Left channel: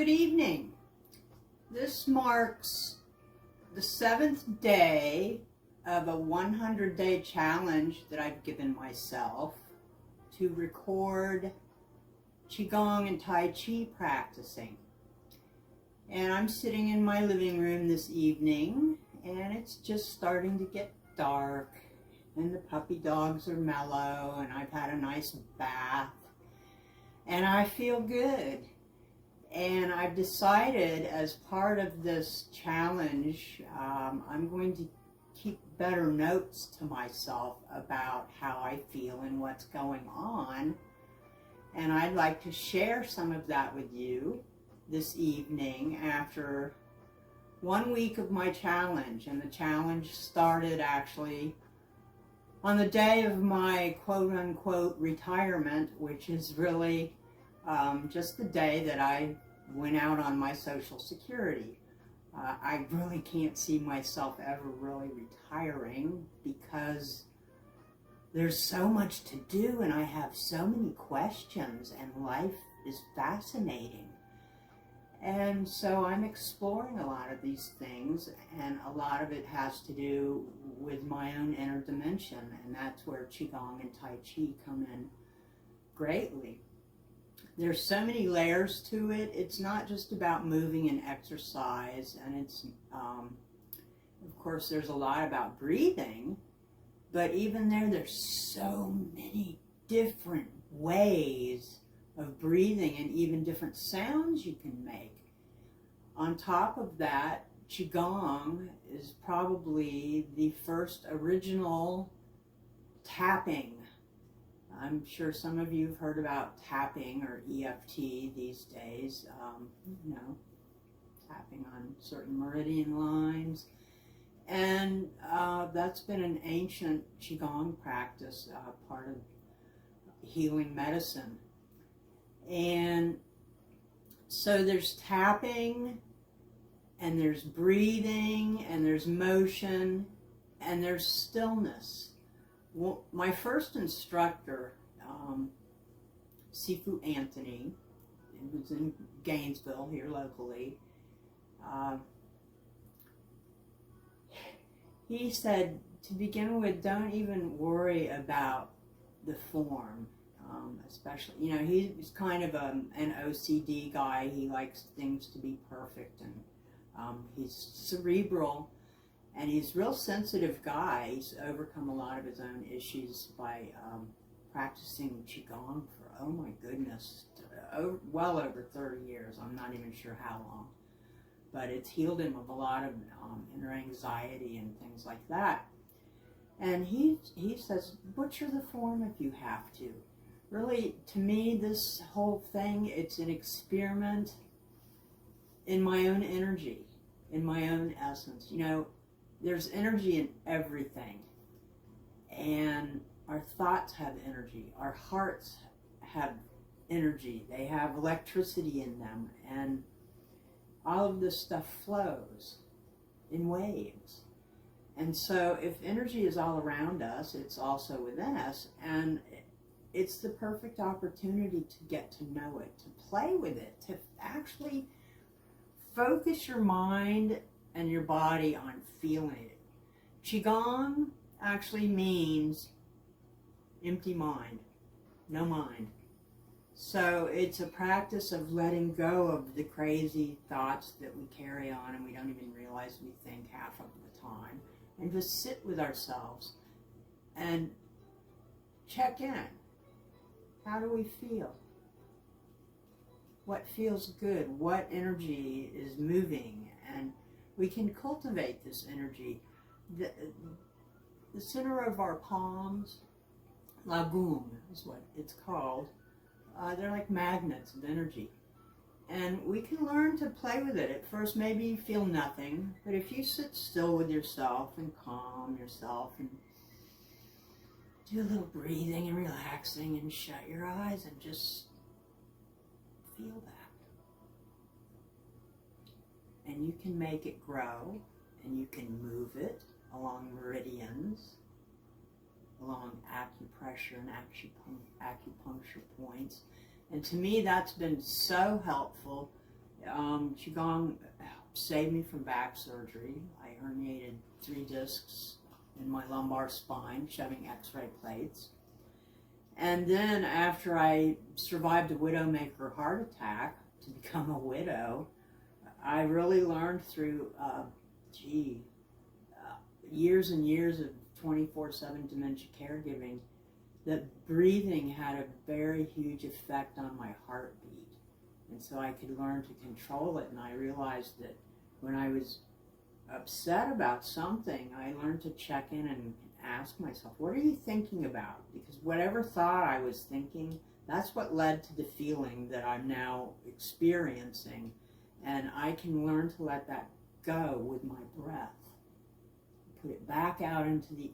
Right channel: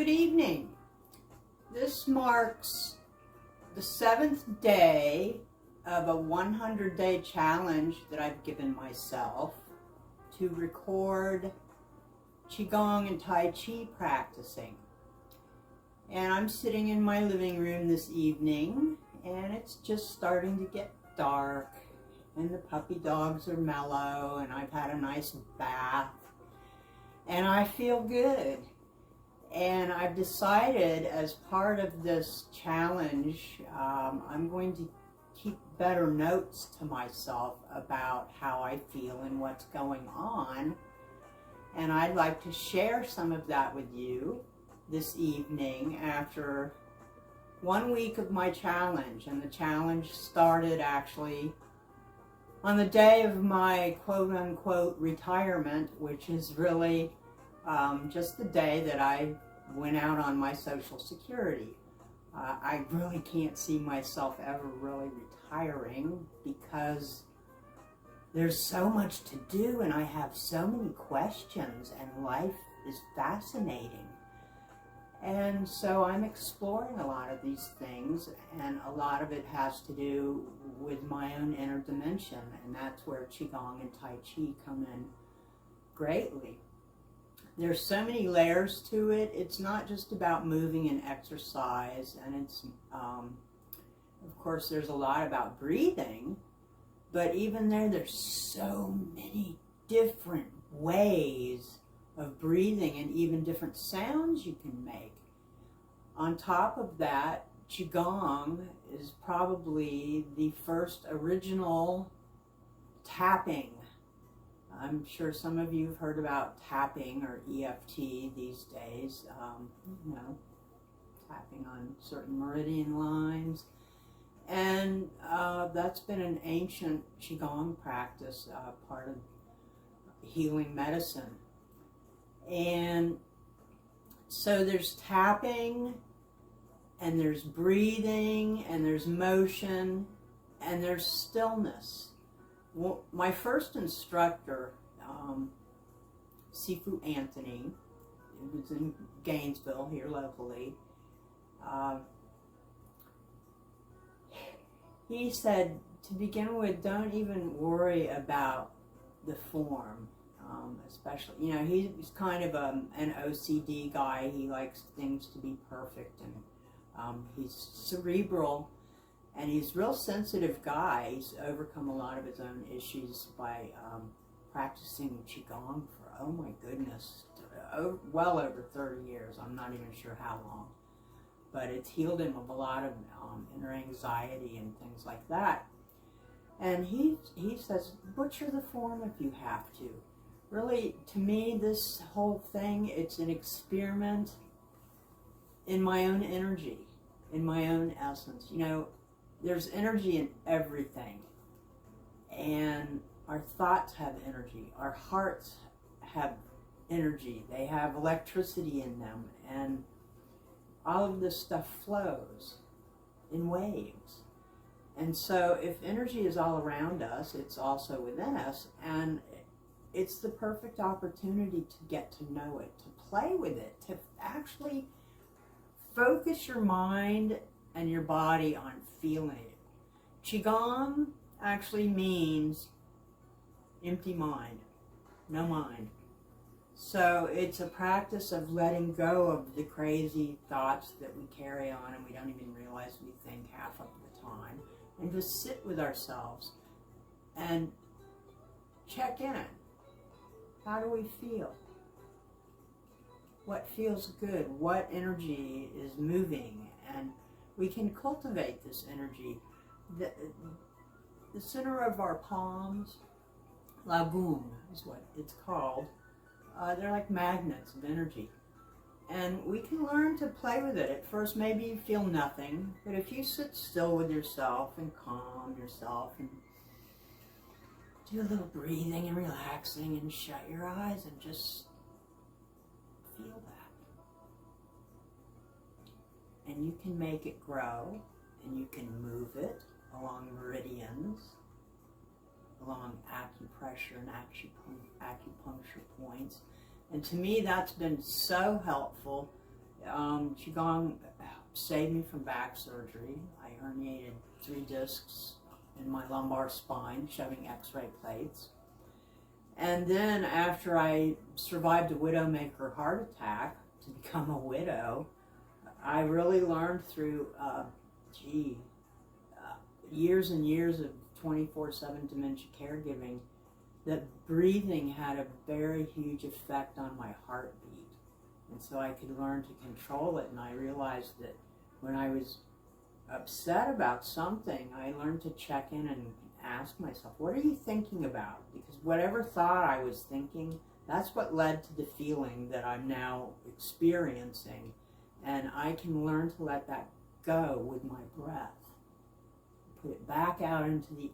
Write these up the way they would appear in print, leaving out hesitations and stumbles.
Good evening. This marks the 7th day of a 100-day challenge that I've given myself to record Qigong and Tai Chi practicing. And I'm sitting in my living room this evening, and it's just starting to get dark, and the puppy dogs are mellow, and I've had a nice bath, and I feel good. And I've decided, as part of this challenge, I'm going to keep better notes to myself about how I feel and what's going on. And I'd like to share some of that with you this evening after 1 week of my challenge. And the challenge started actually on the day of my quote-unquote retirement, which is really just the day that I went out on my Social Security. I really can't see myself ever really retiring because there's so much to do and I have so many questions and life is fascinating. And so I'm exploring a lot of these things, and a lot of it has to do with my own inner dimension, and that's where Qigong and Tai Chi come in greatly. There's so many layers to it. It's not just about moving and exercise, and it's, of course, there's a lot about breathing, but even there's so many different ways of breathing and even different sounds you can make. On top of that, Qigong is probably the first original tapping. I'm sure some of you have heard about tapping or EFT these days, tapping on certain meridian lines. And that's been an ancient Qigong practice, part of healing medicine. And so there's tapping, and there's breathing, and there's motion, and there's stillness. Well, my first instructor, Sifu Anthony, it was in Gainesville here locally, he said, to begin with, don't even worry about the form. Especially, he's kind of an OCD guy. He likes things to be perfect, and he's cerebral, and he's a real sensitive guy. He's overcome a lot of his own issues by practicing Qigong for, oh my goodness, well over 30 years. I'm not even sure how long, but it's healed him of a lot of inner anxiety and things like that. And he says, butcher the form if you have to. Really, to me, this whole thing, it's an experiment in my own energy, in my own essence. There's energy in everything. And our thoughts have energy. Our hearts have energy. They have electricity in them. And all of this stuff flows in waves. And so if energy is all around us, it's also within us. And it's the perfect opportunity to get to know it, to play with it, to actually focus your mind and your body on feeling it. Qigong actually means empty mind, no mind. So it's a practice of letting go of the crazy thoughts that we carry on and we don't even realize we think half of the time, and just sit with ourselves and check in. How do we feel? What feels good? What energy is moving? And we can cultivate this energy. The center of our palms, lagum is what it's called. They're like magnets of energy. And we can learn to play with it. At first, maybe you feel nothing, but if you sit still with yourself and calm yourself and do a little breathing and relaxing and shut your eyes and just feel that. And you can make it grow, and you can move it along meridians, along acupressure and acupuncture points. And to me, that's been so helpful Qigong saved me from back surgery. I herniated 3 discs in my lumbar spine, shoving x-ray plates. And then after I survived a widowmaker heart attack to become a widow, I really learned through, years and years of 24/7 dementia caregiving that breathing had a very huge effect on my heartbeat. And so I could learn to control it. And I realized that when I was upset about something, I learned to check in and ask myself, what are you thinking about? Because whatever thought I was thinking, that's what led to the feeling that I'm now experiencing. And I can learn to let that go with my breath. Put it back out into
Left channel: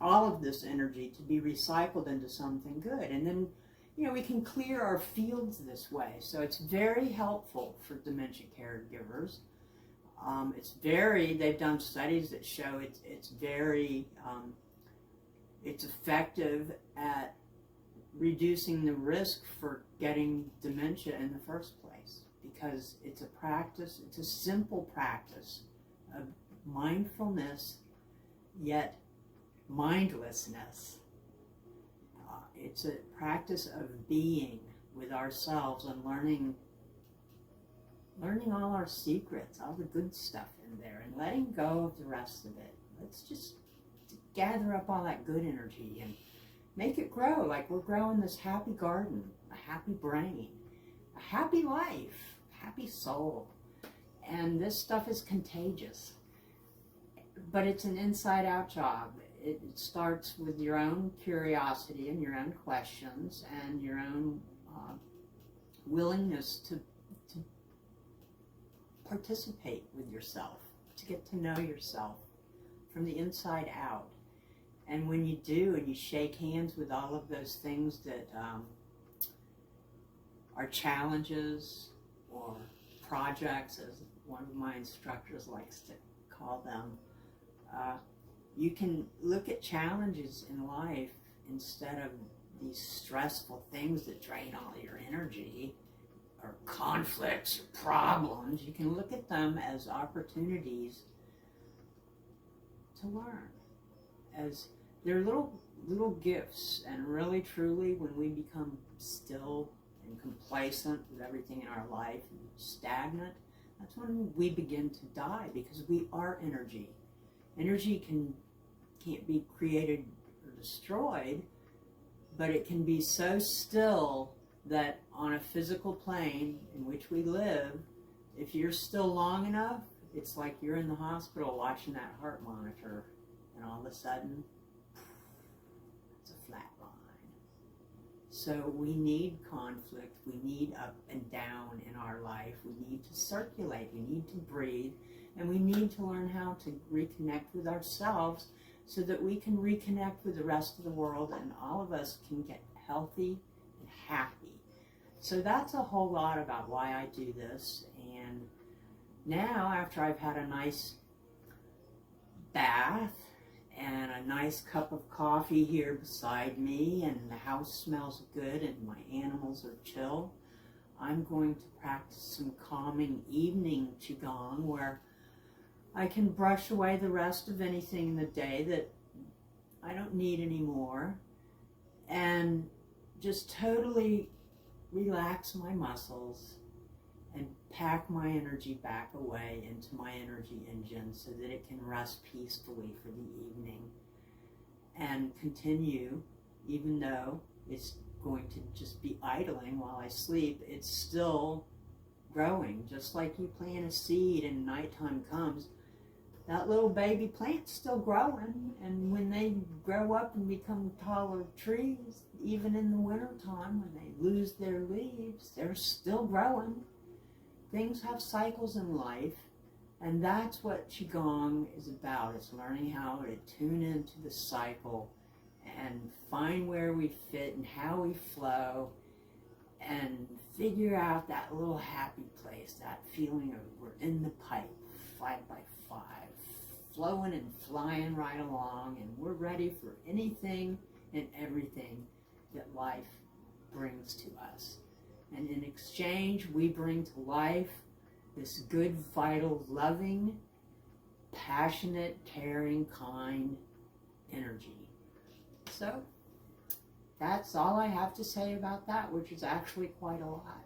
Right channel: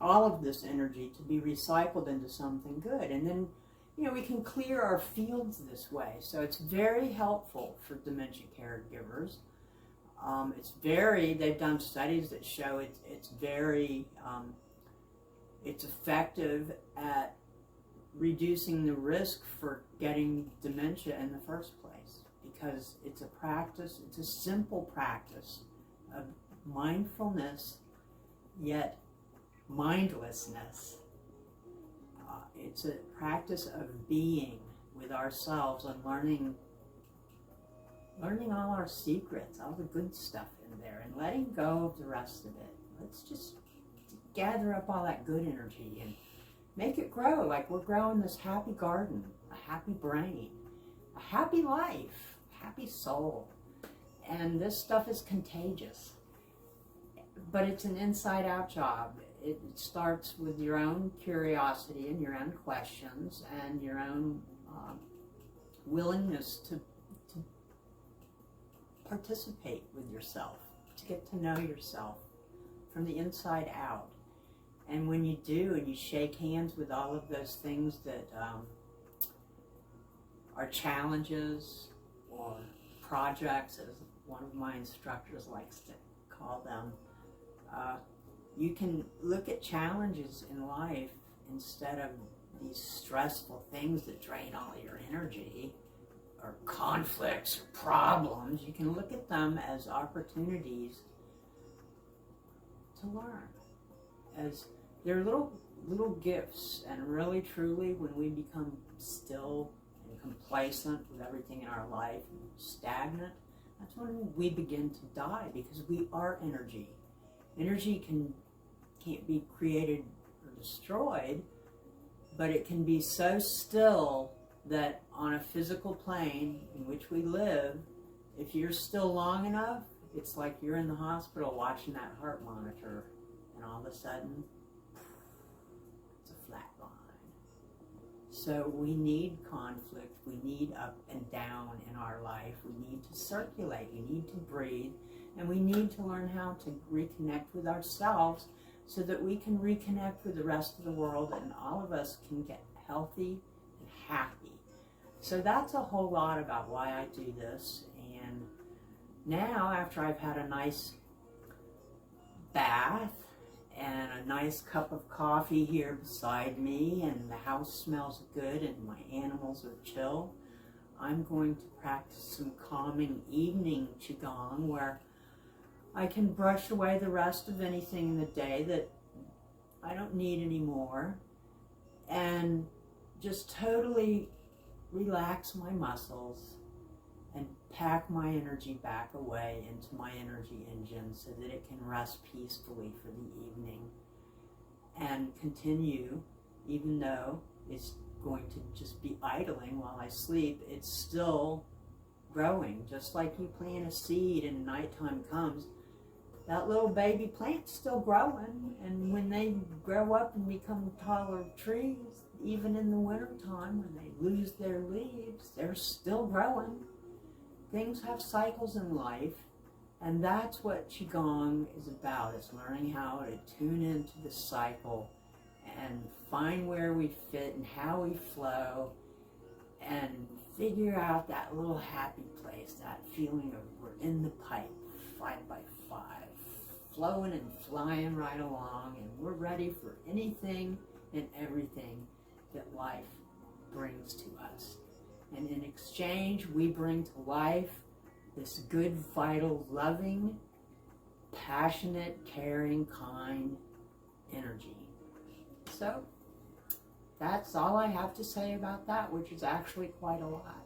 all of this energy to be recycled into something good. And then, we can clear our fields this way. So it's very helpful for dementia caregivers. They've done studies that show it's very, it's effective at reducing the risk for getting dementia in the first place, because it's a practice, it's a simple practice of mindfulness, yet mindlessness. It's a practice of being with ourselves and learning all our secrets, all the good stuff in there, and letting go of the rest of it. Let's just gather up all that good energy and make it grow like we're growing this happy garden, a happy brain, a happy life, a happy soul. And this stuff is contagious. But it's an inside-out job. It starts with your own curiosity and your own questions and your own willingness to participate with yourself, to get to know yourself from the inside out. And when you do, and you shake hands with all of those things that are challenges or projects, as one of my instructors likes to call them, you can look at challenges in life instead of these stressful things that drain all your energy, or conflicts or problems. You can look at them as opportunities to learn, as they're little gifts. And really truly, when we become still and complacent with everything in our life and stagnant, that's when we begin to die, because we are energy. Energy can't be created or destroyed, but it can be so still that on a physical plane in which we live, if you're still long enough, it's like you're in the hospital watching that heart monitor, and all of a sudden, it's a flat line. So we need conflict, we need up and down in our life, we need to circulate, we need to breathe, and we need to learn how to reconnect with ourselves so that we can reconnect with the rest of the world, and all of us can get healthy and happy. So that's a whole lot about why I do this. And now, after I've had a nice bath and a nice cup of coffee here beside me, and the house smells good and my animals are chill, I'm going to practice some calming evening Qigong, where I can brush away the rest of anything in the day that I don't need anymore, and just totally relax my muscles and pack my energy back away into my energy engine so that it can rest peacefully for the evening and continue. Even though it's going to just be idling while I sleep, it's still growing. Just like you plant a seed and nighttime comes, that little baby plant's still growing, and when they grow up and become taller trees, even in the wintertime when they lose their leaves, they're still growing. Things have cycles in life, and that's what Qigong is about. It's learning how to tune into the cycle and find where we fit and how we flow, and figure out that little happy place, that feeling of we're in the pipe, 5 by 5, flowing and flying right along, and we're ready for anything and everything that life brings to us. And in exchange, we bring to life this good, vital, loving, passionate, caring, kind energy. So that's all I have to say about that, which is actually quite a lot.